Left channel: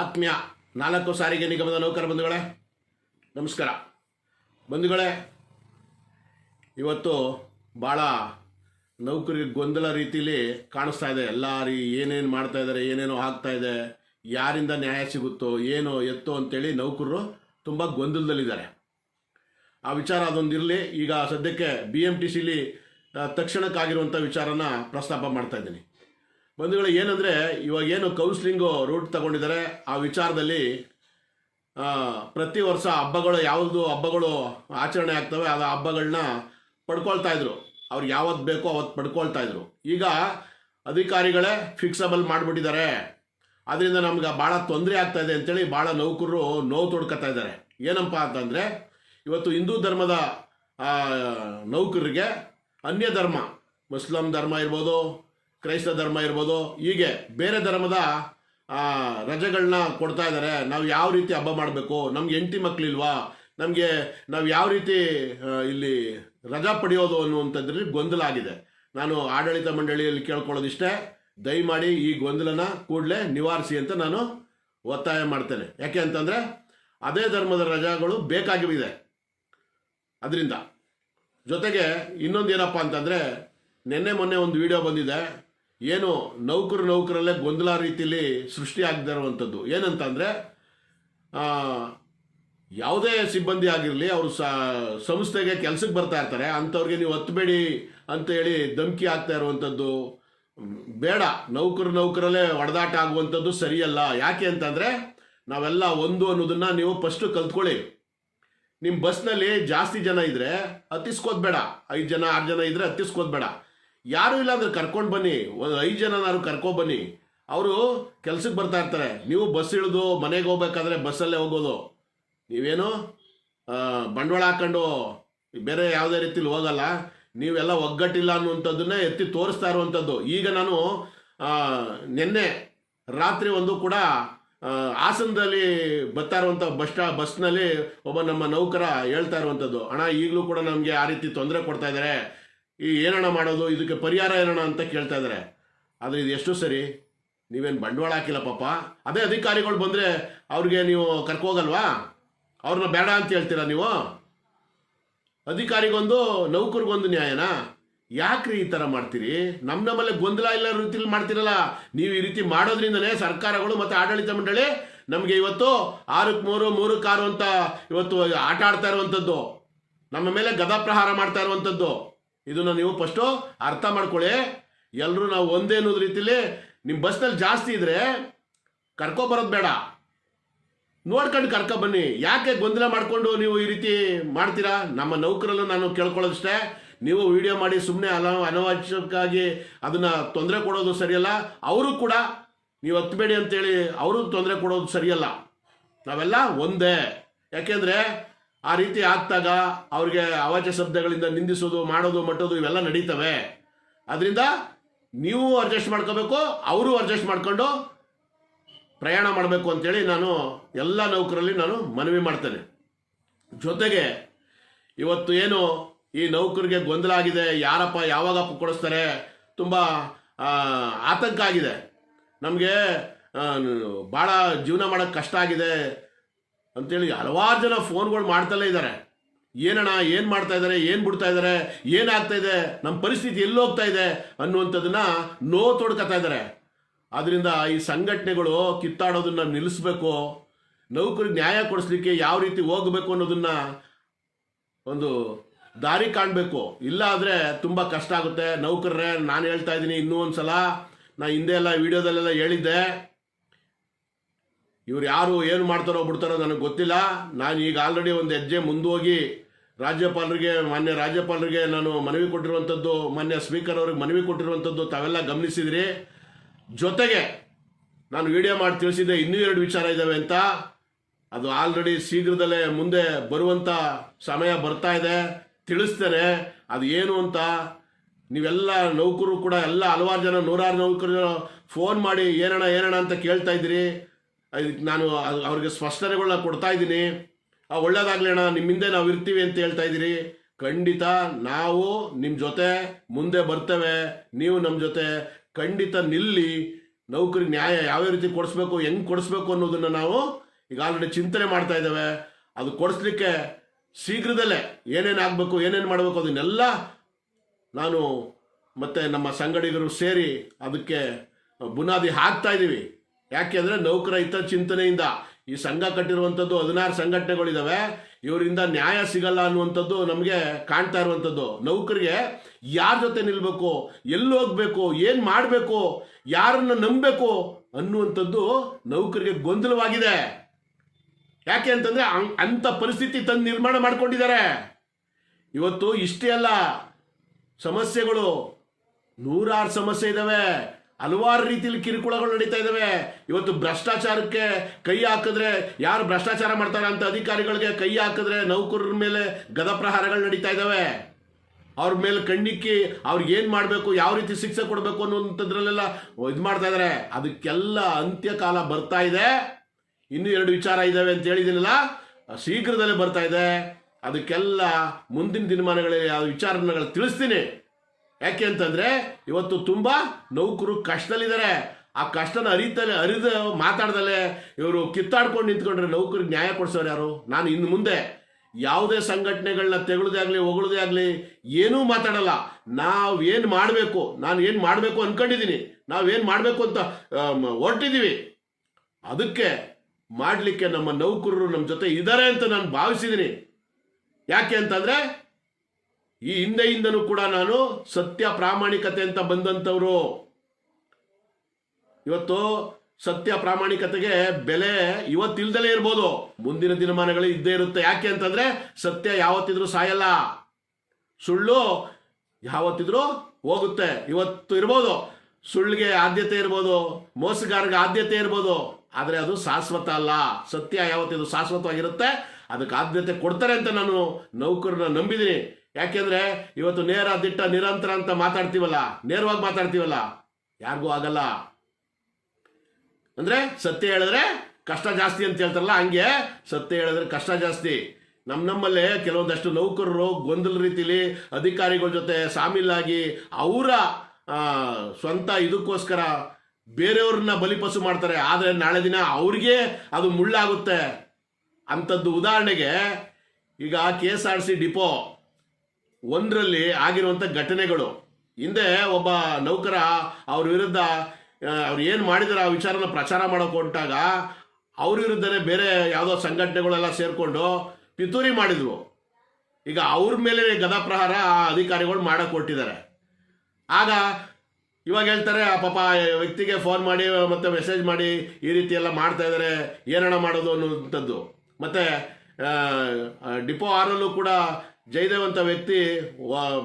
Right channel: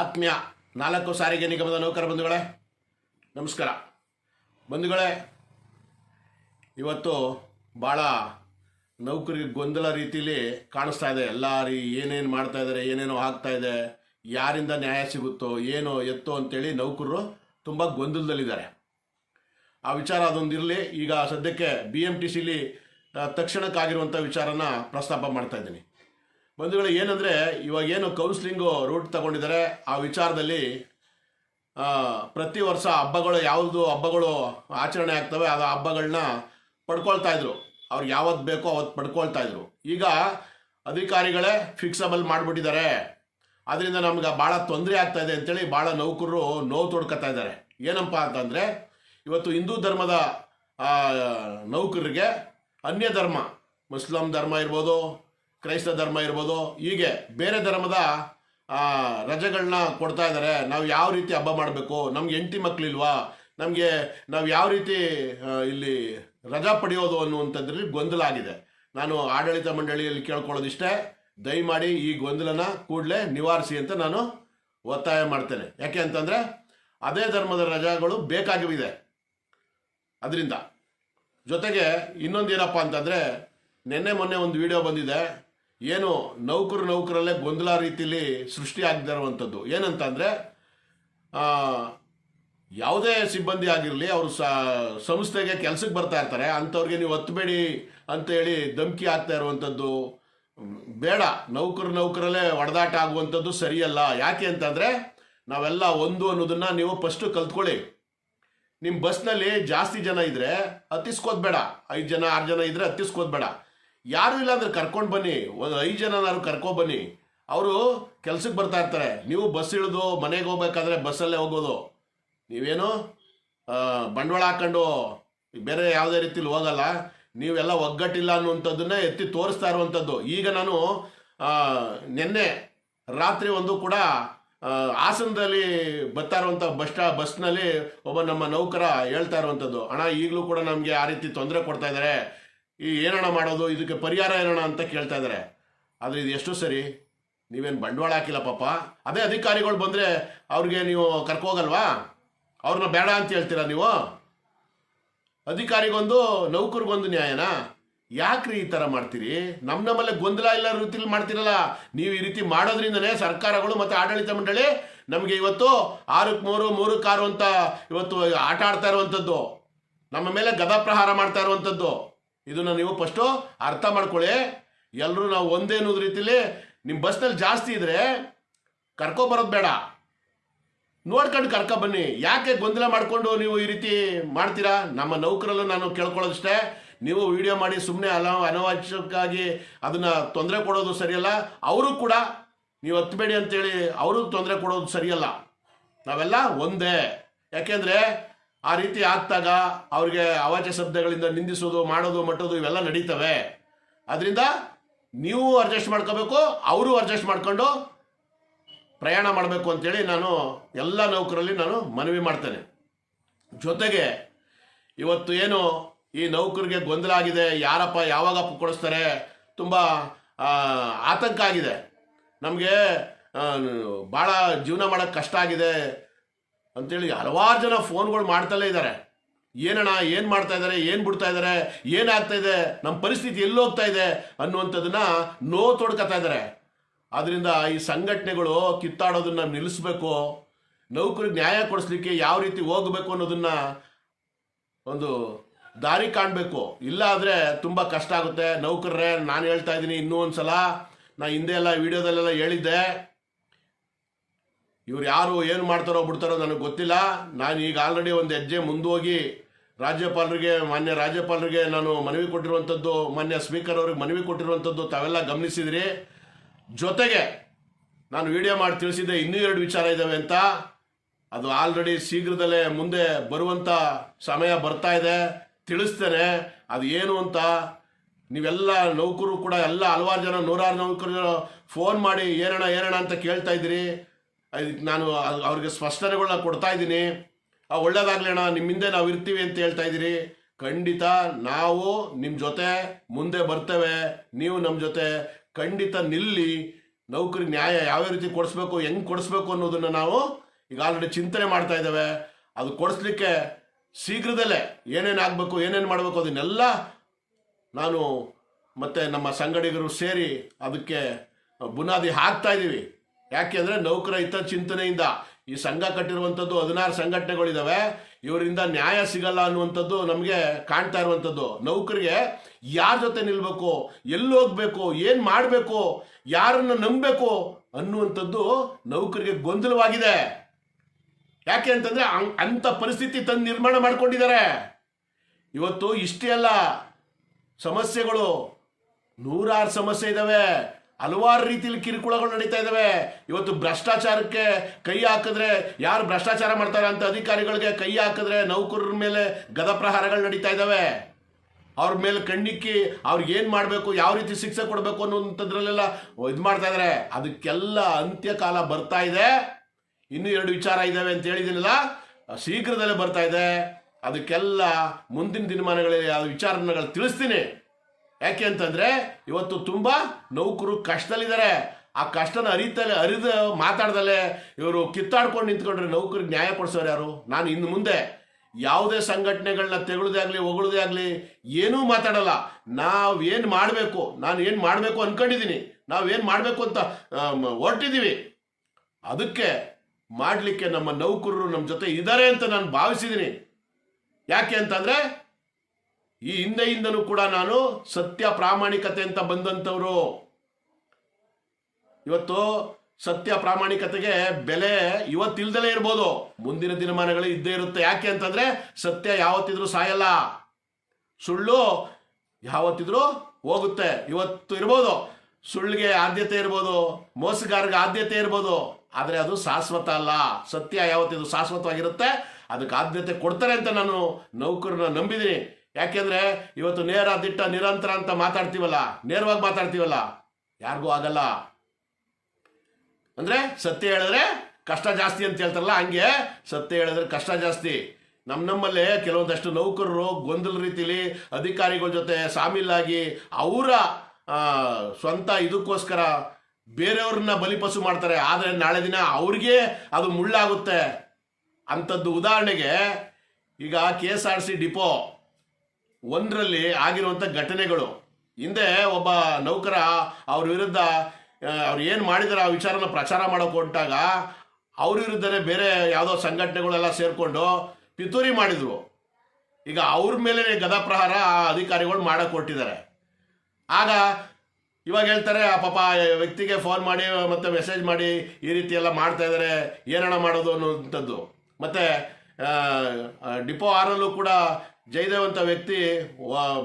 ಆತ್ಮೀಯ ನಾಲ್ಕು ಸಾರಿಗೆ ನಿಗಮದ ನೌಕರ ಬಂಧುಗಳೇ, ನಮಸ್ಕಾರ. ಬಂಧುಗಳೇ, ಇವತ್ತು ಭಾಳ ನೌಕರಿಗೆ ಗೊಂದಲ ರೀತಿಲಿ ಕಾಣಿಸ್ತಾ ಇದೆ. ಎಲ್ಲ ರೀ ಏನೇನು ಮಾಡ್ತಾ ಇದ್ದಾರೆ ಏನೇನೋ ಆಗ್ತಾ ಇದೆ, ಯಾರಿಂದ ನ್ಯಾಯ ಸಿಗುತ್ತೋ, ಏನೋ ಎತ್ತೋ ಅಂತೇಳಿ ನೌಕರರು ತುಂಬ ಗೊಂದಲದಲ್ಲಿದ್ದಾರೆ. ಆ ವಿಚಾರ ಅದೊಂದಿರಲಿ ಈಗ ಸದ್ಯಕ್ಕೆ ಬಿ ಎಂ ಟಿ ಸಿಲಿ ತಕ್ಷಣಕ್ಕಾಗಿರುವಂಥ ವಿಚಾರನ ಪ್ರಸ್ತಾಪ ಮಾಡ್ತಾ ಇದ್ದೀನಿ. ಬಂಧುಗಳು, ಏನಂದರೆ ಇವಾಗ ಏನು ಕೌನ್ಸಿಲಿಂಗು ರೂಟ್ ತಗೊಂಡಿದ್ದಾರೆ, ಆ ವಿಚಾರದಲ್ಲಿ ಪ್ರತಿ ವರ್ಷ ಹಬ್ಬಗಳು ಯಾವುದು ಹಬ್ಬಗಳು ಆಚರಣೆ ಆಗ್ತವೆ, ಆ ಹಬ್ಬಗಳನ್ನ ಪಡ್ಕೊಳ್ತಾ ಇದ್ರು. ಅವ್ರಿಗೆ ಯಾವತ್ತು ಬೇಕೋ ಅವತ್ತು ಪಡ್ಕೊಳ್ತಾ ಇದ್ರು. ಈಗ ಅಧಿಕಾರಿಗಳೇ ಫಿಕ್ಸಬಲ್ ಮಾಡಿಬಿಟ್ಟಿದ್ದಾರೆ. ಅದರಿಂದ ನಮ್ಗೆ ಭಾಳ ತೊಂದರೆ ಆಗ್ತಾ ಇದೆ ಅಂತೇಳಿ ಭಾಳ ನೌಕರರು ನೋವು ತೊಡ್ಕೊತಾ ಇದ್ದಾರೆ. ಏನಪ್ಪ ಅಂತಂದರೆ, ಇವತ್ತು ಹಿಂದೂ ಧರ್ಮದ ನೌಕರರಿಗೆ ಅನ್ಯ ಧರ್ಮ, ಮುಸ್ಲಿಂ ಧರ್ಮ ಇರ್ಬೋದು ಕ್ರೈಸ್ತ ಧರ್ಮ ಇರ್ಬೋದು, ಹೀಗೆ ಬೇರೆ ಧರ್ಮದ ರಜೆಗಳನ್ನ ಕೊಡ್ತಾ ಇದ್ದಾರೆ ನಾವು ಯಾವ ರೀತಿ ಹಬ್ಬ ಮಾಡಬೇಕು? ನಮ್ಗೆ ಹೆಂಡತಿ ಮಕ್ಕಳಿಲ್ವಾ ನಮಗೆ ನಾವು ಯಾವ ರೀತಿ ಇಲ್ಲಿ ರಜಾ ಪಡೆಯೋದು ಅನ್ನುವಂಥದ್ರಲ್ಲಿ ಗೊಂದಲ ಆಗಿದೆ. ನಾನು ಆಡಳಿತ ಮಂಡಳಿಯಲ್ಲಿ ಕೇಳ್ಕೊಳ್ಳೋದಿಷ್ಟೇ. ದಯಮಾಡಿ ಈ ಗೊಂದಲನ ಕೂಡಲೇ ನಿವಾರಿಸಿ ಅಂತ ನಾನು ಒತ್ತಾಯ ಮಾಡ್ತೇನೆ. ಯಾಕೆ ಅಂತಂದರೆ, ಅದೇ ಧರ್ಮದ ರಜಾಗಳು ಬೇಕಾಗಿವೆ. ಅದರಿಂದ ಜೊತೆಗೆ ಇನ್ನೊಂದು ಏನಪ್ಪ ಅಂತಂದರೆ, ನಿನ್ನೆ ಮೊನ್ನೆ ಒಂದು ವಿಡಿಯೋ ಬಂದಿದೆ. ಏನು ನೌಕರು ನೌಕರಲ್ಲೇ ಗೊಂದಲ ರೀತಿಯಲ್ಲಿ ಸೃಷ್ಟಿ ಏನಂತ ಏನಂತಂದರೆ ಯಾವುದೇ ಸಿಬ್ಬಂದಿ ಆಗಿರಲಿ, ಅವರು ಸಂಸ್ಥೆಗೆ ಕೆಲಸಕ್ಕೆ ಬರ್ತಾ ಇರ್ತಾರೆ. ಅಂಥವ್ರಿಗೆ ನೀವು ಹತ್ತಬೇಡಿ ಅಂತೇಳಿ ಧಮಕಿ ಆಗ್ತಾ ಇರುವಂಥದ್ದು ಬೇಡ. ನೌಕರು ನೌಕರಲ್ಲೇ ಹೊಡೆದಾಟ ಆಗುವಂಥದ್ದು ಸರಿಯಲ್ಲ. ಯಾಕೆ ಅಂತಂದರೆ, ನಾವೆಲ್ಲ ಒಂದು ಅನ್ನೋದನ್ನು ನೀವು ಫಸ್ಟು ಕಲ್ತ್ಕೊಳ್ಳಿ. ನಿಮ್ಮ ಬಸ್ನಲ್ಲಿ ಜಾಸ್ತಿ ಜನ ಇದ್ದರೆ ಹತ್ತಿಸ್ಕೋದ್ಬೇಡ ಐದು ಜನ, ಆರು ಜನ ಇದ್ದರೆ ಹತ್ತಿಸ್ಕೋದ್ ಬೇಡ. ಯಾರು ಇಲ್ಲ ಅಂದ್ರೆ ಕರ್ಕೊಂಡು ಬನ್ನಿ. ಒಂದು ಐದು ಜನನಾದ್ರು ಕರ್ಕೊಂಡ್ ಬನ್ನಿ. ಅವರು ಕೆಲ್ಸಕ್ಕೆ ಬರ್ತಾ ಇರ್ತಾರೆ. ನೀವು ಬಸ್ ಇಳಿದು ಮನೆಗೆ ಹೋಗ್ಬೇಕಾದ್ರೆ ಬಸ್ಸಲ್ಲೇ ಹೋಗೋದು. ನೀವೇನು ಬಂಡವಾಳ ಹಾಕೊಂಡು ಬೇರೆ ಯಾವುದೇ ರೀತಿಲಿ ಹೋಗಲ್ಲ. ನೀವೆಲ್ಲ ಒಗ್ಗಟ್ಟಿಲ್ಲ ಅನ್ನುವಂಥದ್ದನ್ನ ಎತ್ತಿ ತೋರಿಸ್ತಾ ಇರುವಂಥದ್ದು. ಈಗ ನಾನು ನಿನ್ನೆ ರಾತ್ರಿ ಒಂದು ಕೂಡ ಹಾಸನದಲ್ಲಿ ಬರ್ತಾ ಇರುವಂಥ ಬಸ್ ಸ್ಟಾ, ಬಸ್ನಲ್ಲಿ ಒಬ್ಬ ನಮ್ಮ ನೌಕರ ಹೇಳ್ತಾ ಇರುವಂಥದ್ದು. ಅಣ್ಣ, ಈಗಲೂ ಕೂಡ ನಮಗೆ ಆ ರೀತಿ ತೊಂದರೆ ಕೊಡ್ತಾ ಇದ್ದಾರೆ ಈ ಏನಣ್ಣ ಮಾಡೋದು, ಇದಕ್ಕೆ ಪರಿಹಾರ ಏನಣ್ಣ ಅಂತ ಕೇಳ್ತಾ ಇದ್ದಾರೆ ಆದರೆ ಇದು ಎಷ್ಟು ಸರಿ, ನೀವೇನು ಬಂಡವಾಳ ಹಾಕಿಲ್ಲ ಪಾಪ. ಅದೇ ಅಧಿಕಾರಿಗಳು ಬಂದರೆ ಅವ್ರಿಗೆ ನೀವು ಕರ್ಕೋಗಲ್ವಾ ಅವ್ರನ್ನ ಬೇಡ ಅಂತ ಹೇಳ್ತೀರಾ ನೀವು? ಅಧಿಕಾರಿಗೊಂದು, ನೌಕರಿಗೊಂದು ನ್ಯಾಯನಾ? ಯಾಕ್ರಿ ಈ ತರ ಮಾಡ್ತೀರಿ? ನಮ್ಮ ನಮ್ಮಲ್ಲೇ ಗೊಂದಲ ಇಲ್ಲ ರೀತಿಯಲ್ಲಿ ಮಾಡ್ತೀರಲ್ಲ. ನೀವು ಈ ರೀತಿ ಮಾಡೋದ್ರಿಂದಲೇ ಸರ್ಕಾರಗಳು ಮತ್ತೆ ಆಡಳಿತ ಮಂಡಳಿ ನಮಗೆ ಇವತ್ತು ಆರಕ್ಕೆ ಮೂರು ಮೂರಕ್ಕೆ ಆರು ಅಂತ ಇವತ್ತು ಆಟ ಆಡ್ತಾ ಇರುವಂಥದ್ದು ನಮ್ಮ ಮೇಲೆ ಗದಾ ಪ್ರಹಾರ ಮಾಡ್ತಾ ಇರುವಂಥದ್ದು ಇದನ್ನ ನೀವು ಫಸ್ಟು ಅರ್ಥ ಮಾಡ್ಕೊಳ್ಳಿ. ಎಲ್ಲರೂ ನಾವು ಒಂದೇ ಅನ್ನೋದು ರೀತಿಲಿ ನಿಮ್ಮ ಬಸ್ನಲ್ಲಿ ಜಾಸ್ತಿ ಇದ್ರೆ ಕರ್ಕೋ ಬರೋದು ಬೇಡ. ನೋಡ್ಕೊಂಡು ಕರ್ಕ ಬನ್ನಿ. ಯಾಕೆ ಗೊಂದಲ ಮಾಡಿಕೊಂಡು ನೀವು ಈ ರೀತಿ ಮಾಡ್ತೀರಾ? ನಮ್ಮ ನೌಕರಲ್ಲೂ ನಾನು ಕೇಳ್ಕೊಳ್ಳೋದಷ್ಟೇ. ನೀವು ವಿಡಿಯೋ ಮಾಡಿ ಸುಮ್ಮನೆ ಅಲ ಅನವಶ್ಯಕವಾಗಿ ಅದನ್ನು ತೊಂದರೆ ಕೊಡೋದು ಸರಿಯಲ್ಲ. ಅವರು ಕೂಡ ನೀವು ಹತ್ತಬೇಡಿ ಅಂತೇಳಿ ಅವರು ತೊಂದರೆ ಕೊಡೋದು ಸರಿಯಲ್ಲ. ನಾವೆಲ್ಲ ಒಂದೇ. ಯಾಕೆಂದ್ರೆ ಆ ರೀತಿ ಆಗ್ತಾಗ ಅವ್ರಿಗೆ ಅವಾಚ್ಯ ಶಬ್ದಗಳಿಂದ ನಿಂದಿಸೋದು, ಮಾಡೋದು, ಮಟ್ಟೋದು ಇವೆಲ್ಲ ನಡೀತವೆ. ಅದರಿಂದ ನೀವು ಅಡ್ಜಸ್ಟ್ ಮಾಡ್ಕೋಬೇಕು, ಅವರು ಅಡ್ಜಸ್ಟ್ ಮಾಡ್ಕೊಂಡು ಪ್ರಯಾಣ ಮಾಡಬೇಕು ಅಂತೇಳಿ ನಾನು ಎಲ್ಲ ನೌಕರಲ್ಲಿ ನಾನು ಮನವಿ ಮಾಡ್ತೇನೆ. ಜೊತೆಗೆ ಇವತ್ತು ಏನು ಈ ನೌಕರಿಗೆ ಗೊಂದಲ ಆಗಿದೆ, ಯಾರಪ್ಪ ಯಾವಾಗಪ್ಪ ಕೊಡಿಸ್ತಾರೆ, ತುಂಬ ಆತಂಕ ಆಗಿದೆ. ನಮಗೆ ಭಾಳ ಜೀವನ ಮಾಡೋಕ್ಕೆ ಕಷ್ಟ ಆಗಿದೆ. ಅಂತೇಳಿ ಹಲವಾರು ಜನ ಫೋನ್ಗಳು ಮಾಡ್ತಲೇ ಇದ್ದಾರೆ. ಏನಣ್ಣ, ಏನು ಮಾಡ್ತಾ ಇದ್ದಾರೆ ಏನು ಬಿಡ್ತಾ ಇದ್ದಾರೆ ಏನಾಗ್ತಾ ಇದೆ ನಮ್ಮ ಪರಿಸ್ಥಿತಿ ಎಲ್ಲಿ ಹೋಗ್ತಾ ಇದೆ ಅನ್ನುವಂಥದ್ದನ್ನ ನೋ ತೊಡ್ಕೊತಾ ಇದ್ದಾರೆ. ಆದ್ದರಿಂದ ಈ ಸಂಘಟನೆಗಳು ಕಿತ್ತಾಡೋದನ್ನ ನಿಲ್ಲಿಸ್ಬೇಕು ನೌಕರಿಗೆ ನ್ಯಾಯ ಕೊಡಿಸ್ಲಿಕ್ಕೆ ಯಾವ ರೀತಿ ಹೋಗಬೇಕು ಅನ್ನೋದನ್ನ ಒಂದು ದಾರಿ ಕಾಣಬೇಕು. ಇಲ್ಲ ಆದರೆ ತುಂಬ ಕಷ್ಟ ಆಗುತ್ತೆ. ನೌಕರರೇ, ನಾನು ಹೇಳ್ತಾ ಇದ್ದೀನಿ ಇನ್ನೂ ಒಂದ್ಸಲ. ನಾ ಹಿಂದೆ ಎಲ್ಲ ವಿಡಿಯೋದಲ್ಲೆಲ್ಲ ಹೇಳಿದ್ದೆ. ಇವ್ರು ಯಾರು ಏನು ಮಾಡ್ತಾರೋ ಬಿಡ್ತಾರೋ ನನಗೆ ಗೊತ್ತಿಲ್ಲ. ನಾನು ಈಗ ಆಲ್ರೆಡಿ ಒಂದು ಹೆಜ್ಜೆ ಮುಂದೋಗಿ ರಾಜ್ಯಪಾಲರಿಗೆ, ಮಾನ್ಯ ರಾಜ್ಯಪಾಲರಿಗೆ ನಾನು ಮನವಿ ಕೊಟ್ಟಿರುವಂಥದ್ದು ಮಾನ್ಯ ಸ್ಪೀಕರ್ ಅವ್ರಿಗೆ ಮನವಿ ಕೊಟ್ಟಿರುವಂಥದ್ದು ತಾವೆಲ್ಲ ಗಮನಿಸಿದ್ರಿ. ಜೊತೆಗೆ ನಾನು ವಿಡಿಯೋ ಮಾಡಿ ತಿಳಿಸಿದ್ದೆ, ಇನ್ನೂ ಎರಡು ವಿಚಾರ ಇದ್ದಾವೆ ಅಂತ. ಅದು ಆಲ್ರೆಡಿ ಶೀಘ್ರದಲ್ಲೇ ಮುಂದೆ ಬರುವಂತ ಸಮಯ ಬರ್ತಾ ಇದೆ. ತಿಳಿಸ್ತೇನೆ. ಅದು ಏನು ಅಂತ ನೀವೆಲ್ಲ ನೌಕರು ಕೂಡ ಎಲ್ಲ ಹಲವಾರು ಜನ ನೂರಾರು ನೌಕರು ಫೋನ್ ಮಾಡಿ, ಏನಣ್ಣ ಏನಣ್ಣ? ಅಂತ ಕೇಳ್ತಾ ಇದ್ದೀರಿ. ಅದಕ್ಕೆ ನಾನು ಅವ್ರಿಗೆ ಸ್ಪಷ್ಟನೆಗಳನ್ನ ಕೊಡ್ತಾ ಇದ್ದೀನಿ. ಆ ಒಳ್ಳೇದಾಗ್ಲಿ ಅಣ್ಣ ನಿಮ್ಮ ಹಿಂದೆ ನಾವು ಇರ್ತೀವಿ ಅಂತ ಹೇಳ್ತಾ ಇದ್ದೀರಿ. ಖಂಡಿತ ನಾವು ನಿಮ್ಮ ಜೊತೆ ಮುಂದೆ ಬರ್ತೇವೆ. ನೀವು ನಮ್ಮ ಜೊತೆ ಖಂಡಿತ ನಿಲ್ಲಿ. ನೌಕರಿ ನ್ಯಾಯ ಯಾವ ರೀತಿ ಕೊಡಿಸ್ಬೇಕು, ಹೆಂಗೆ ಕೊಡಿಸ್ಬೇಕು ಅನ್ನೋದನ್ನು ನಾವು ಈಗ ಆಲ್ರೆಡಿ ಚಿಂತನೆ ಮಾಡ್ತಾ ಇದ್ದೇವೆ. ಅದು ಕೊಡಿಸ್ಲಿಕ್ಕೆ ಶೀಘ್ರದಲ್ಲೇ ಏನೇನು ಆಗಬೇಕು, ಏನೇನು ಮಾಡಬೇಕು ಅದನ್ನೆಲ್ಲ ನಾನು ಮತ್ತು ನಮ್ಮ ಸಂಗಡಿಗರು ಸೇರಿ ಅದಕ್ಕೆ ಬುನಾದಿ ಹಾಕ್ತಾ ಇದ್ದೀವಿ. ಯಾಕೆಂದ್ರೆ ನೌಕರ ಹಿತ ಚಿಂತನೆಯಿಂದ. ಈ ಸಂಘ ಕಟ್ಟಿರುವಂಥದ್ದು ಹದಿನಾರು ಸಂಘಟನೆಗಳಿದಾವೆ. ಇವರಿಂದ ನ್ಯಾಯ ಸಿಗಲ್ಲ ಅನ್ನುವಂಥದ್ದು ನಮಗೆ ಕಾಣ್ತಾ ಇರುವಂಥದ್ದು. ನೌಕರಿಗೆ ಯಾರ ಜೊತೆ ನಿಲ್ಬೇಕು? ಎಲ್ಲಿ ಹೋಗ್ಬೇಕು? ಏನ್ ಮಾಡಬೇಕು? ಯಾರನ್ನ ನಂಬಬೇಕು? ಅನ್ನುವಂಥದ್ದು ನೌಕರಿಗೆ ಗೊಂದಲವಾಗಿದೆ. ಯಾಕೆ ಅಂತಂದ್ರೆ ಅಂಥ ಪರಿಸ್ಥಿತಿ ತಂದು ನಿರ್ಮಾಣ ಮಾಡ್ಕೊಂಡಿದ್ದಾರೆ. ಇವತ್ತು ಇಷ್ಟೇ ಅಲ್ಲ. ಸಮಸ್ಯೆಗಳು ನೂರಾರು ಸಮಸ್ಯೆ ಇದಾವೆ. ಹಲವಾರು ರೀತಿಯಲ್ಲಿ ಕಿರುಕುಳಗಳು ನಡೀತಾ ಇದಾವೆ. ಇವತ್ತು ಭ್ರಷ್ಟಾಚಾರಕ್ಕೆ ಕೈ ಹಾಕಿದ್ರೆ ಯಾರು ಭ್ರಷ್ಟಾಚಾರ ಮಾಡ್ತಾರೆ ಅಂತ ಅಧಿಕಾರಿಗಳಿಗೆ ಕೈ ಹಾಕಿದ್ರೆ ನೌಕರರ ಮೇಲೆ ಗದಪ್ರಹಾರಗಳು ನಡೀತಾ ಇದಾವೆ. ಅವ್ರ ಮೇಲೆ ಕಣ್ಣಿಕ್ಕಿ ಅವ್ರಿಗೆ ಏನು ಮಾಡಬೇಕು, ಯಾವ ರೀತಿ ಶಿಕ್ಷೆ ಕೊಡಬೇಕು ಅನ್ನುವಂಥದ್ರಲ್ಲೆಲ್ಲ ಇದು ಮಾಡ್ತಾ ಇದಾರೆ. ಅದಕ್ಕೆಲ್ಲ ಅಂತ್ಯಕಾಲ ಬರ್ತಾ ಇದೆ. ಇನ್ನು ಎರಡು ವಿಚಾರ ಇದಾವೆ ಅಂತ ಹೇಳಿದ್ದೀನಲ್ಲ ಶೀಘ್ರದಲ್ಲೇ ಬರ್ತಾ ಇದೆ. ಅದಕ್ಕೆಲ್ಲ ಮುಂದಿನ ದಿನಮಾನಗಳಲ್ಲಿ ಆ ವಿಚಾರಗಳು ತಿಳಿಸ್ತೀನಿ. ಯಾಕೆ ಅಂತಂದ್ರೆ ಇವತ್ತು ತುಂಬಾ ನೌಕರು ಕಷ್ಟದಲ್ಲಿದ್ದಾರೆ. ಆ ಕಷ್ಟನ ಅರಿತಲೆ, ಅರಿದ ಮಾತಾಡ್ದಲೆ ಇವರು ಕಿತ್ತಾಡ್ಕೊಂಡು ನಿಂತ್ಕೊಂಡ್ರೆ ನೌಕರಿಗೆ ನ್ಯಾಯ ಕೊಡ್ಸೋರು ಯಾರು? ನಾನು ಇನ್ನು ಮುಂದೆ ಯಾವುದೇ ಸಂಘಟನೆಗಳನ್ನ ತೆಗಳದೇ ಆಗಲಿ, ಹೊಗಳದೇ ಆಗಲಿ, ಏನೂ ಮಾತಾಡಲ್ಲ. ನಾವೇನು ಮಾಡಬೇಕು, ನಾನು ಏನು ಮಾಡಬೇಕು ಅಂದ್ಕೊಂಡಿದ್ದೀನಿ ನಾವೇನು ಮಾಡಬೇಕು ಅಂತ ಹೊರಟಿದ್ದೀವಿ. ಅದಕ್ಕೆ ಮಾಡಲಿಕ್ಕೆ ನಮ್ಮ ನೌಕರರು ನಮ್ಮ ಜೊತೆ ಇದ್ದಾರೆ ಅಂತ ನಾನು ಭಾವಿಸಿದ್ದೀನಿ. ಯಾಕೆ ಅಂತಂದ್ರೆ ಈ ಹಿಂದೆಯಿಂದಲೂ ಕೂಡ ನಾನು ಸತ್ಯ ಪ್ರಾಮಾಣಿಕತೆ ಅಂತ ಬಂದಂಥವ್ರು. ಇವತ್ತು ಸತ್ಯ ಪ್ರಾಮಾಣಿಕತೆಗೆ ಬೆಲೆ ಇವತ್ತಿಲ್ದಲೇ ಇರ್ಬೋದು. ಮುಂದಿನ ದಿನಮಾನಗಳು ಇದ್ದೇ ಇರುತ್ತೆ. ಯಾಕೆ ಅಂತಂದ್ರೆ ಸತ್ಯ ಯಾವತ್ತಿದ್ರೂ ಸಾಯಲ್ಲ. ಸುಳ್ಳು ಯಾವತ್ತಿದ್ರೂ ಹೋಗುತ್ತೆ. ಇವತ್ತು ಇರ್ಬೋದು. ಸುಳ್ಳಿಗೆ ಆದ್ಯತೆ ಇರ್ಬೋದು. ಮೋಸಗಾರರಿಗೆ ಆದ್ಯತೆ ಇರ್ಬೋದು. ಆದರೆ ಅದು ಶಾಶ್ವತ ಅಲ್ಲ. ಸತ್ಯ ಯಾವತ್ತಿದ್ರು ಶಾಶ್ವತವಾಗಿರುತ್ತೆ. ಅದಕ್ಕೆ ಆದ್ಯತೆ ಕೊಡ್ತಾರೆ ಅಂತ ನಾನು ನೌಕರನ್ನ ನಂಬಿದ್ದೀನಿ. ಯಾಕೆಂದ್ರೆ ಇವತ್ತು ನೇರ ದಿಟ್ಟ ನಿರಂತರ ಅಂತ ಮಾತಾಡ್ತೀವಲ್ಲ, ನೇರವಾಗಿ ಮಾತಾಡ್ತೀವಲ್ಲ, ಯಾರಿಗೂ ಆಗಲ್ಲ. ಅಂದ್ರೆ ಸತ್ಯ ಹೇಳಿದ್ರೆ ಕಷ್ಟ ಜಾಸ್ತಿ ಅಂತ ಹೇಳ್ತಾರಲ್ಲ, ಹಂಗೆ ಸತ್ಯ ಹೇಳಿದ್ರೆ ಕಷ್ಟ ಜಾಸ್ತಿ. ನಮ್ಮ ನಮ್ಮಲ್ಲೇ ಕೆಲವೊಂದಷ್ಟು ನೌಕರರು ಗೊಂದಲ ರೀತಿಲಿ ಅಧಿಕಾರಿಗಳ ಜೊತೆ ಸಾಮೀಲಾಗಿ ಅವರ ಸ್ವಂತ ಇದಕ್ಕೋಸ್ಕರ ಬೇರೆಯವ್ರನ್ನ ಬಲಿಪಸು ಮಾಡ್ತಾರೆ. ಆದರೆ ನಾಳೆ ದಿನ ಅವ್ರಿಗೆ ಅದು ಮುಳ್ಳಾಗುತ್ತೆ. ಅಂಥದ್ದು ಉದಾಹರಣೆಗೆ ಈಗ K S R C depot ಒಂದರಲ್ಲಿ ಆಗಿರುವಂಥ ಘಟನೆಗಳು. ಹಿಂದೆ ಒಬ್ಬ ನೌಕರ ಅವ್ರ ವಿರುದ್ಧ ಅವ್ರು ಏನು ಮಾಡಿದಾರೆ ಆ ವಿಚಾರನ ಪ್ರಚಾರ ಮಾಡೋಕೆ ಹೊಂಟಾಗ ಅವ್ರ ವಿರುದ್ಧನೇ ಬೇರೆ ಯಾವುದೋ ಸಂಘಟನೆಗಳೆಲ್ಲ ಸೇರಿಕೊಂಡು ಪಿತೂರಿ ಮಾಡಿದ್ರು. ಈಗ ಅವ್ರ ಮೇಲೆ ಗದಾಪ್ರಹಾರ ಆ ಅಧಿಕಾರಿಗಳು ಮಾಡಕ್ ಕೊಟ್ಟಿದ್ದಾರೆ ಆಗ ಇವಾಗ ಹೇಳ್ತಾರೆ, ಆ ಪಾಪ ವ್ಯಕ್ತಿಗೆ ಫೋನ್ ಮಾಡಿ ಮತ್ತೆ ಮೆಸೇಜ್ ಮಾಡಿ ಈ ರೀತಿ ಎಲ್ಲ ಮಾಡ್ತಾ ಇದ್ದಾರೆ ಏನಣ್ಣ ಮಾಡೋದು ಅನ್ನುವಂಥದ್ದು. ಮತ್ತೆ ಡಿಪೋ ಆರಲ್ಲೂ ಕೂಡ ಜಯದೇವ್ ಅಂತ ವ್ಯಕ್ತಿ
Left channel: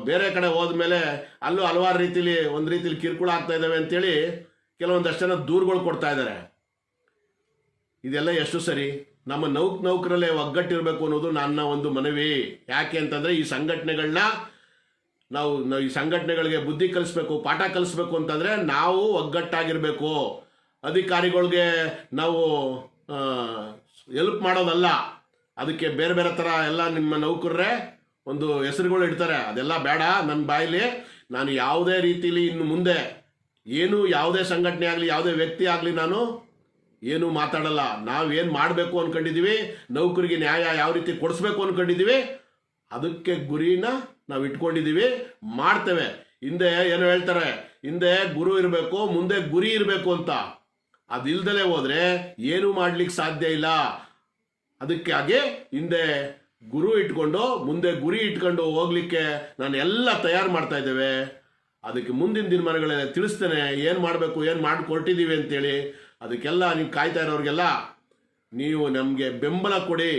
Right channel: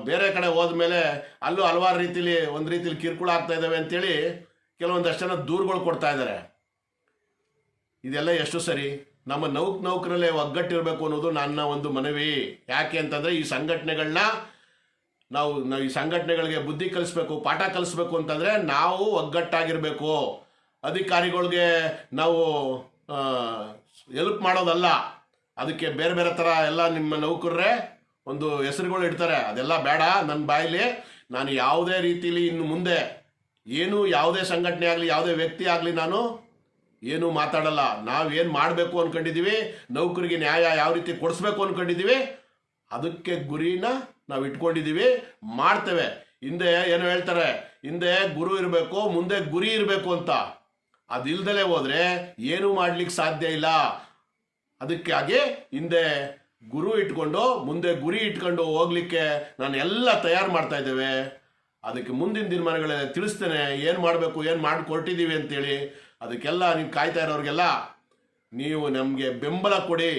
ಬೇರೆ ಕಡೆ ಹೋದ್ಮೇಲೆ ಅಲ್ಲೂ ಹಲವಾರು ರೀತಿಲಿ, ಒಂದು ರೀತಿಲಿ ಕಿರುಕುಳ ಆಗ್ತಾ ಇದ್ದಾವೆ ಅಂತೇಳಿ ಕೆಲವೊಂದಷ್ಟು ಜನ ದೂರುಗಳು ಕೊಡ್ತಾ ಇದ್ದಾರೆ. ಇದೆಲ್ಲ ಎಷ್ಟು ಸರಿ? ನಮ್ಮ ನೌಕ್ ನೌಕರಲ್ಲೇ ಒಗ್ಗಟ್ಟಿರಬೇಕು ಅನ್ನೋದು ನನ್ನ ಒಂದು ಮನವಿ. ಯಾಕೆ ಅಂತಂದ್ರೆ ಈ ಸಂಘಟನೆಗಳನ್ನ ನಾವು, ಈ ಸಂಘಟನೆಗಳಿಗೆ ಬುದ್ಧಿ ಕಲಿಸ್ಬೇಕು, ಪಾಠ ಕಲಿಸ್ಬೇಕು ಅಂತಂದ್ರೆ ನಾವು ಒಗ್ಗಟ್ಟಾಗಿರಬೇಕು. ಅಧಿಕಾರಿಗಳಿಗೆ ನಾವು ಎಲ್ಪ್ ಮಾಡೋದಲ್ಲ. ಅದಕ್ಕೆ ಬೇರೆ ಬೇರೆ ಥರ ಎಲ್ಲ ನಿಮ್ಮ ನೌಕರರೇ ಒಂದು ಹೆಸರುಗಳು ಇಡ್ತಾರೆ. ಅದೆಲ್ಲ ಬೇಡ ನನ್ನ ಬಾಯಲ್ಲಿ ನಾನು ಯಾವುದೇ ರೀತಿಲಿ ಇನ್ನು ಮುಂದೆ ಏನು ಯಾವುದೇ ಸಂಘಟನೆ ಆಗಲಿ, ಯಾವುದೇ ವ್ಯಕ್ತಿ ಆಗಲಿ ನಾನು ಏನು ಮಾತಾಡಲ್ಲ. ಏನು ಮಾಡಬೇಕು ಅಂದ್ಕೊಂಡಿದ್ದೀವಿ ನೌಕರಿಗೆ ನ್ಯಾಯ ಯಾವ ರೀತಿ ಕೊಡಿಸ್ಬೇಕು ಅಂದ್ಕೊಂಡಿದ್ದೀವಿ ಅದಕ್ಕೆ ಗುರಿನ ನಾವು ಇಟ್ಕೊಂಡಿದ್ದೀವಿ ಮಾಡ್ತೇವೆ. ಹಿಂದೆ ಏನು ಹೇಳ್ತಾರೆ, ಹಿಂದೆ ಗುರು ಇರಬೇಕು, ಮುಂದೆ ಗುರಿ ಇರಬೇಕು ಅಂತ. ಅದಿಲ್ದಲೇ ಹೋದರೆ ಏನು ಮಾಡ್ಲಿಕ್ಕೆ ಸಾಧ್ಯ ಇಲ್ಲ. ಅದಕ್ಕಾಗಿ ಹಿಂದೆ ಗುರು ಇಟ್ಕೊಂಡು, ಮುಂದೆ ಗುರಿ ಇಟ್ಕೊಂಡು ಹೋಗ್ಲಿಕ್ಕೆ ನಾನು ಎಲ್ಲ ತಯಾರು ಮಾಡ್ತಾ ಇದ್ದೇವೆ. ಅದಕ್ಕೆ ಮುಂದಿನ ದಿನಮಾನಗಳೇ ತಿಳಿಸ್ತೇನೆ. ಏನು ಮಾಡಬೇಕು, ಏನು ಮಾಡಿ ಕೊಟ್ಟಿದ್ದೀವಿ ಅಂತೇಳಿ. ಅದಕ್ಕೆಲ್ಲ ನೀವು ಕಾಯ್ತಾ ಇರೋರಿಗೆಲ್ಲ ನೀವು ನಮಗೆ ಬೆಂಬಲ ಕೊಡಿ.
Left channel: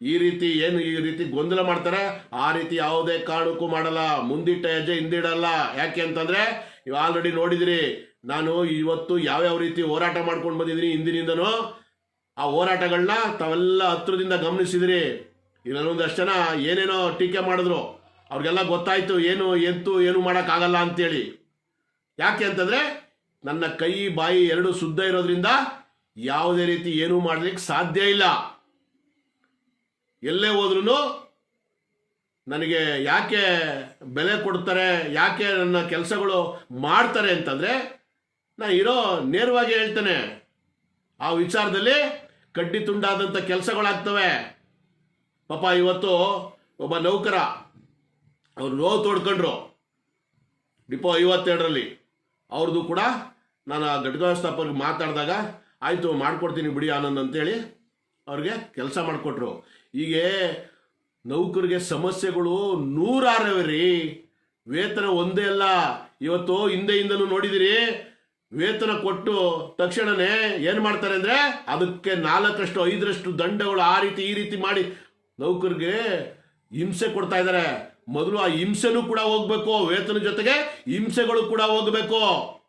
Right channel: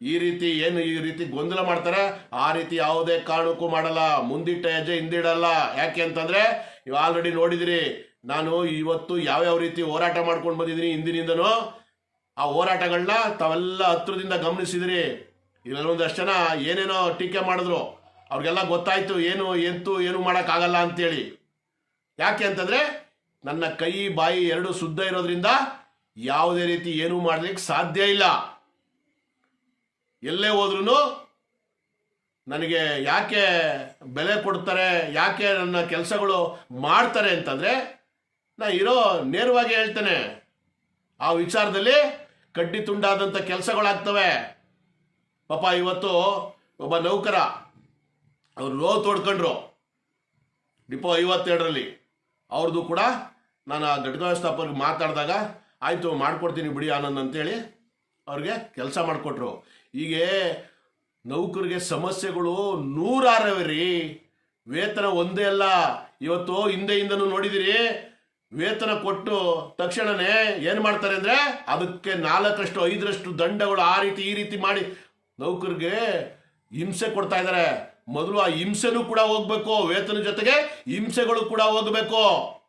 ಈ ರೀತಿ ಏನು ಈ ರೀತಿ ಗೊಂದಲ ಮಾಡ್ತಾರೆ, ಆ ರೀತಿ ಯಾವುದೇ ಕಾರಣಕ್ಕೂ ಮಾಡಲ್ಲ. ಮುಂದಿಟ್ಟ ಹೆಜ್ಜೆ ಹಿಂದಿಡಲ್ಲ ಯಾಕೆ ಅಂತಂದ್ರೆ, ನೀವು ಆಲ್ರೆಡಿ ನೋಡಿದಿರಿ, ನಾನು ಇವತ್ತು ಯಾವ್ಯಾವ ರೀತಿ ಹೋರಾಟ ಮಾಡ್ಕೊಂಡು ಬಂದಿದ್ದೀನಿ ಹಿಂದಿನಿಂದನೂ. ಆ ಹೋರಾಟಗಳನ್ನ ತಾವೆಲ್ಲ ಹತ್ರದಿಂದ ಗಮನಿಸಿದಿರಿ. ಇಲ್ಲೊಂದಷ್ಟು ಜನ ಏನೇನೋ ಟೀಕೆ ಮಾಡಿದ್ರು. ಅವ್ರಿಗೆಲ್ಲ ಗೊತ್ತಾಯ್ತು ಏನು, ಎಂತು, ಏನು ಮಾಡೋಕ್ಕಾಗಲ್ಲ ಅಂತೇಳಿ. ಯಾಕೆ ಅಂತಂದರೆ ನನ್ನ ಕೈ, ಬಾಯಿ ಎರಡು ಶುದ್ಧ ಇರೋದ್ರಿಂದ ಯಾವುದೇ ರೀತಿ ಏನೂ ಮಾಡಲಿಕ್ಕೆ ಸಾಧ್ಯ ಇಲ್ಲ. ಎಲ್ಲೇ ಹೋದ್ರೂ ನನಗೆ ಯಾಕೆ ಬೆಲೆ ಕೊಡ್ತಾರೆ, ಯಾಕೆ ನನ್ನ ಕೆಲಸಗಳು ಮಾಡ್ತಾರೆ ಅಂತಂದರೆ ನಾ ಇರೋ ನೇರವಾಗಿ ಹೇಳ್ತೇನೆ. ಆ ವಿಚಾರದಲ್ಲಿ ಕಡ್ಡಿ ತುಂಡಾದಂಥ ಕೆಲಸಗಳಾಗ್ತವೆ. ಪಾಪ ಇವತ್ತು ಒಬ್ಬ ನೌಕರ, ಅವ್ರು ನೋವು ತೋಡ್ಕೊಂಡ್ರು. ಡಿಪೋ ಐವತ್ತೆರಡರಲ್ಲಿ. ಅವ್ರದ್ದು ಕೂಡ ನಾನು ಆ ಘಟಕ ವ್ಯವಸ್ಥಾಪಕರಿಗೆ ಮಾತಾಡಿದಾಗ, ಆಯಿತು, ಮಾಡ್ಕೊಡ್ತೀನಿ ಬಿಡಿ ಆನಂದ್ ಅಂತೇಳಿ ಅವ್ರಿಗೆ ಕೆಲಸ ಮಾಡಿಕೊಟ್ರು. ಹೀಗೆ ನೌಕರಿಗೆ ಸಮಸ್ಯೆಗಳು ನೂರಾರವೆ ರೀ ವೇತನ ಒಂದೇ ಅಲ್ಲ. ಇವತ್ತು ಹಿಂದೆ ಹಿಂದನೂ ನೋಡಿದಿರಿ, ವೇತನ ಕೊಟ್ಟು ತಕ್ಷಣನೇ ಏನು ಮಾಡ್ತಾರೆ ಅಂದರೆ, ಅದಕ್ಕೆ ನಾಲ್ಕರಷ್ಟು, ಐದರಷ್ಟು ದಂಡಗಳು ಆ ರೀತಿ, ಈ ರೀತಿ ಮಾಡಿ ನೌಕರಿಗೆ ಹಿಂಸೆ ಕೊಡ್ತಾ ಇದ್ದಾರೆ. ಮೊದಲು ಆ ಹಿಂಸೆನೂ ಕೂಡ ಹೋಗ್ಬೇಕು, ವೇತನ ಜೊತೆಗೆ ಹಿಂಸೆಗಳು ಕೂಡ ಹೋಗ್ಬೇಕು.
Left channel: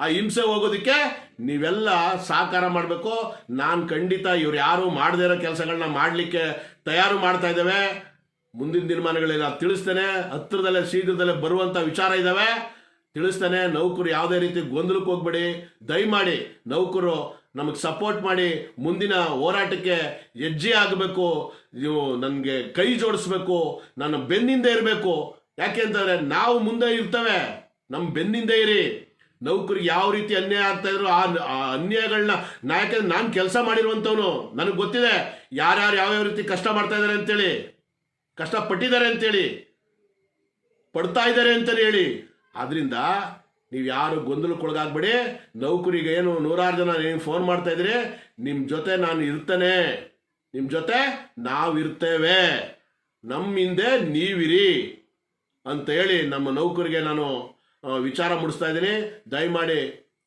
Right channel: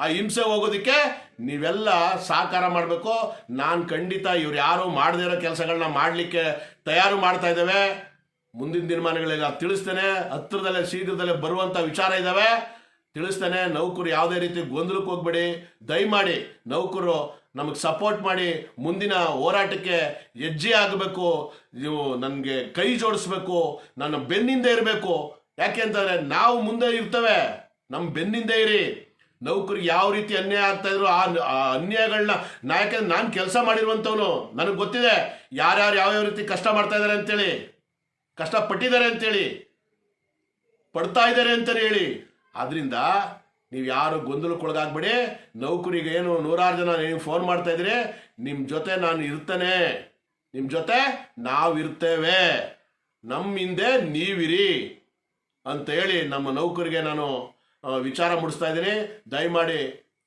ಆ ಹಿಂಸೆ ಹೋಗೋದಕ್ಕೆ ನೀವೆಲ್ಲ ಸಹಕಾರ ಮಾಡಬೇಕು. ನಾನು ಖಂಡಿತ ಇವ್ರು ಯಾರು ಮಾಡದೇ ಇರೋ ಕೆಲಸಗಳನ್ನ ಮಾಡಲಿಕ್ಕೆ ತಯಾರು ಮಾಡ್ತಾ ಇದ್ದೇವೆ. ಮುಂದಿನ ದಿನಮಾನಗಳಲ್ಲಿ ನಾನು ತಿಳಿಸ್ತೇನೆ. ಹತ್ತಿರದಲ್ಲೇ, ಶೀಘ್ರದಲ್ಲೇ ಬರುವಂಥ ವಿಚಾರ ಇದ್ದಾವೆ. ತಿಳಿಸ್ತೇನೆ. ನೌಕರು ಯಾವುದೇ ರೀತಿ ಗೊಂದಲಕ್ಕೆ ಹೋಗ್ಬೇಡಿ. ದಯಮಾಡಿ ನೌಕರು ನಮಗೆ ಸಪೋರ್ಟ್ ಮಾಡಿ ಮುಂದಿನ ಹೋರಾಟಕ್ಕೆ ಹೆಜ್ಜೆ ಆಗಬೇಕು, ನೀವು ನನಗೆ ಕೈ ಜೋಡಿಸ್ಬೇಕು, ನನ್ನ ಬೆನ್ನಿಂದ ಇರಬೇಕು. ಯಾಕೆ ಅಂತಂದ್ರೆ ನಾವು ಮುಂದೆ ಇರ್ತವೆ. ನಮ್ಮ ಬೆನ್ನಿಂದ ಇರಿ. ನೌಕರಿಗೆ ಯಾವ ರೀತಿ ಅನ್ಯಾಯ ಆಗ್ತಾ ಇದ್ರು ಆ ಅನ್ಯಾಯಗಳನ್ನ ನಾ ನಾನು ಕೆಲಸ ಮಾಡಿರುವಂಥವನು ನನಗೆ ಗೊತ್ತಿದೆ. ಯಾರ್ಯಾರು ಯಾವ್ಯಾವ ರೀತಿ ಕಷ್ಟ ಮಾಡ್ತಾ ಇದ್ದಾರೆ ಅಂತೇಳಿ ಕಷ್ಟ ಪಟ್ಟಿದ್ದಾರೆ ಅಂತೇಳಿ, ಪಡ್ತಾ ಇದ್ದಾರೆ ಅಂತಲೇ ಹೇಳಿ. ಆದ್ರಿಂದ ನೀವು ಯಾರು ಗೊಂದಲಕ್ಕೊಳಗಾಗ್ಬೇಡಿ. ನೌಕರಿಗೆ ಏನು ನೂರಾರು ಜನ ನೀವು ಫೋನ್ ಮಾಡ್ತಾ ಇದ್ರಿ ನಿಮ್ಮ ಜೊತೆ ನಾನು ಇರ್ತೇನೆ. ನಿಮ್ಮ ಜೊತೆ ನಾವು ಇರ್ತೇವೆ. ನಮ್ಮ ಹಿಂದೆ ನೀವಿರಿ ಅಂತ ಹೇಳಿ ನಮ್ಮ ನೌಕರಿಗೆ ನಾನು ವಿಚಾರ ಮುಡಿಸ್ತಾ ಇದ್ದೀನಿ. ದಯಮಾಡಿ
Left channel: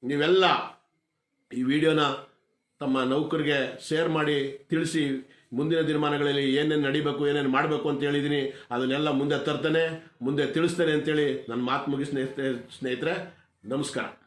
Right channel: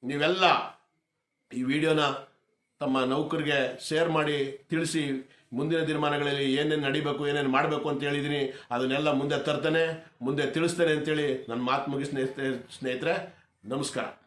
ನೀವೆಲ್ಲ ಈ ವಿಡಿಯೋನ ತಮ್ಮ ನೌಕರಿಗೆ ಶೇರ್ ಮಾಡಿ, ತಿಳಿಸಿ ಮುಂದಿನ ದಿನಮಾನಗಳಲ್ಲಿ ಏನೇನು ನಡಿಬೇಕು, ಏನೇನು ಮಾಡಬೇಕು ಅಂತ ಹೇಳಿದ್ದೀನಿ ಅದನ್ನೆಲ್ಲ ಮುಂದೆ ತರ್ತಾನೆ, ಮುಂದೆ ತಿಳಿಸ್ತಾನೆ ಅಂತೇಳಿ ನನ್ನ ಮಾತು ಮುಗಿ ಸ್ನೇಹಿತರೆ ಸ್ನೇಹಿತರೆ, ನಮಸ್ಕಾರ.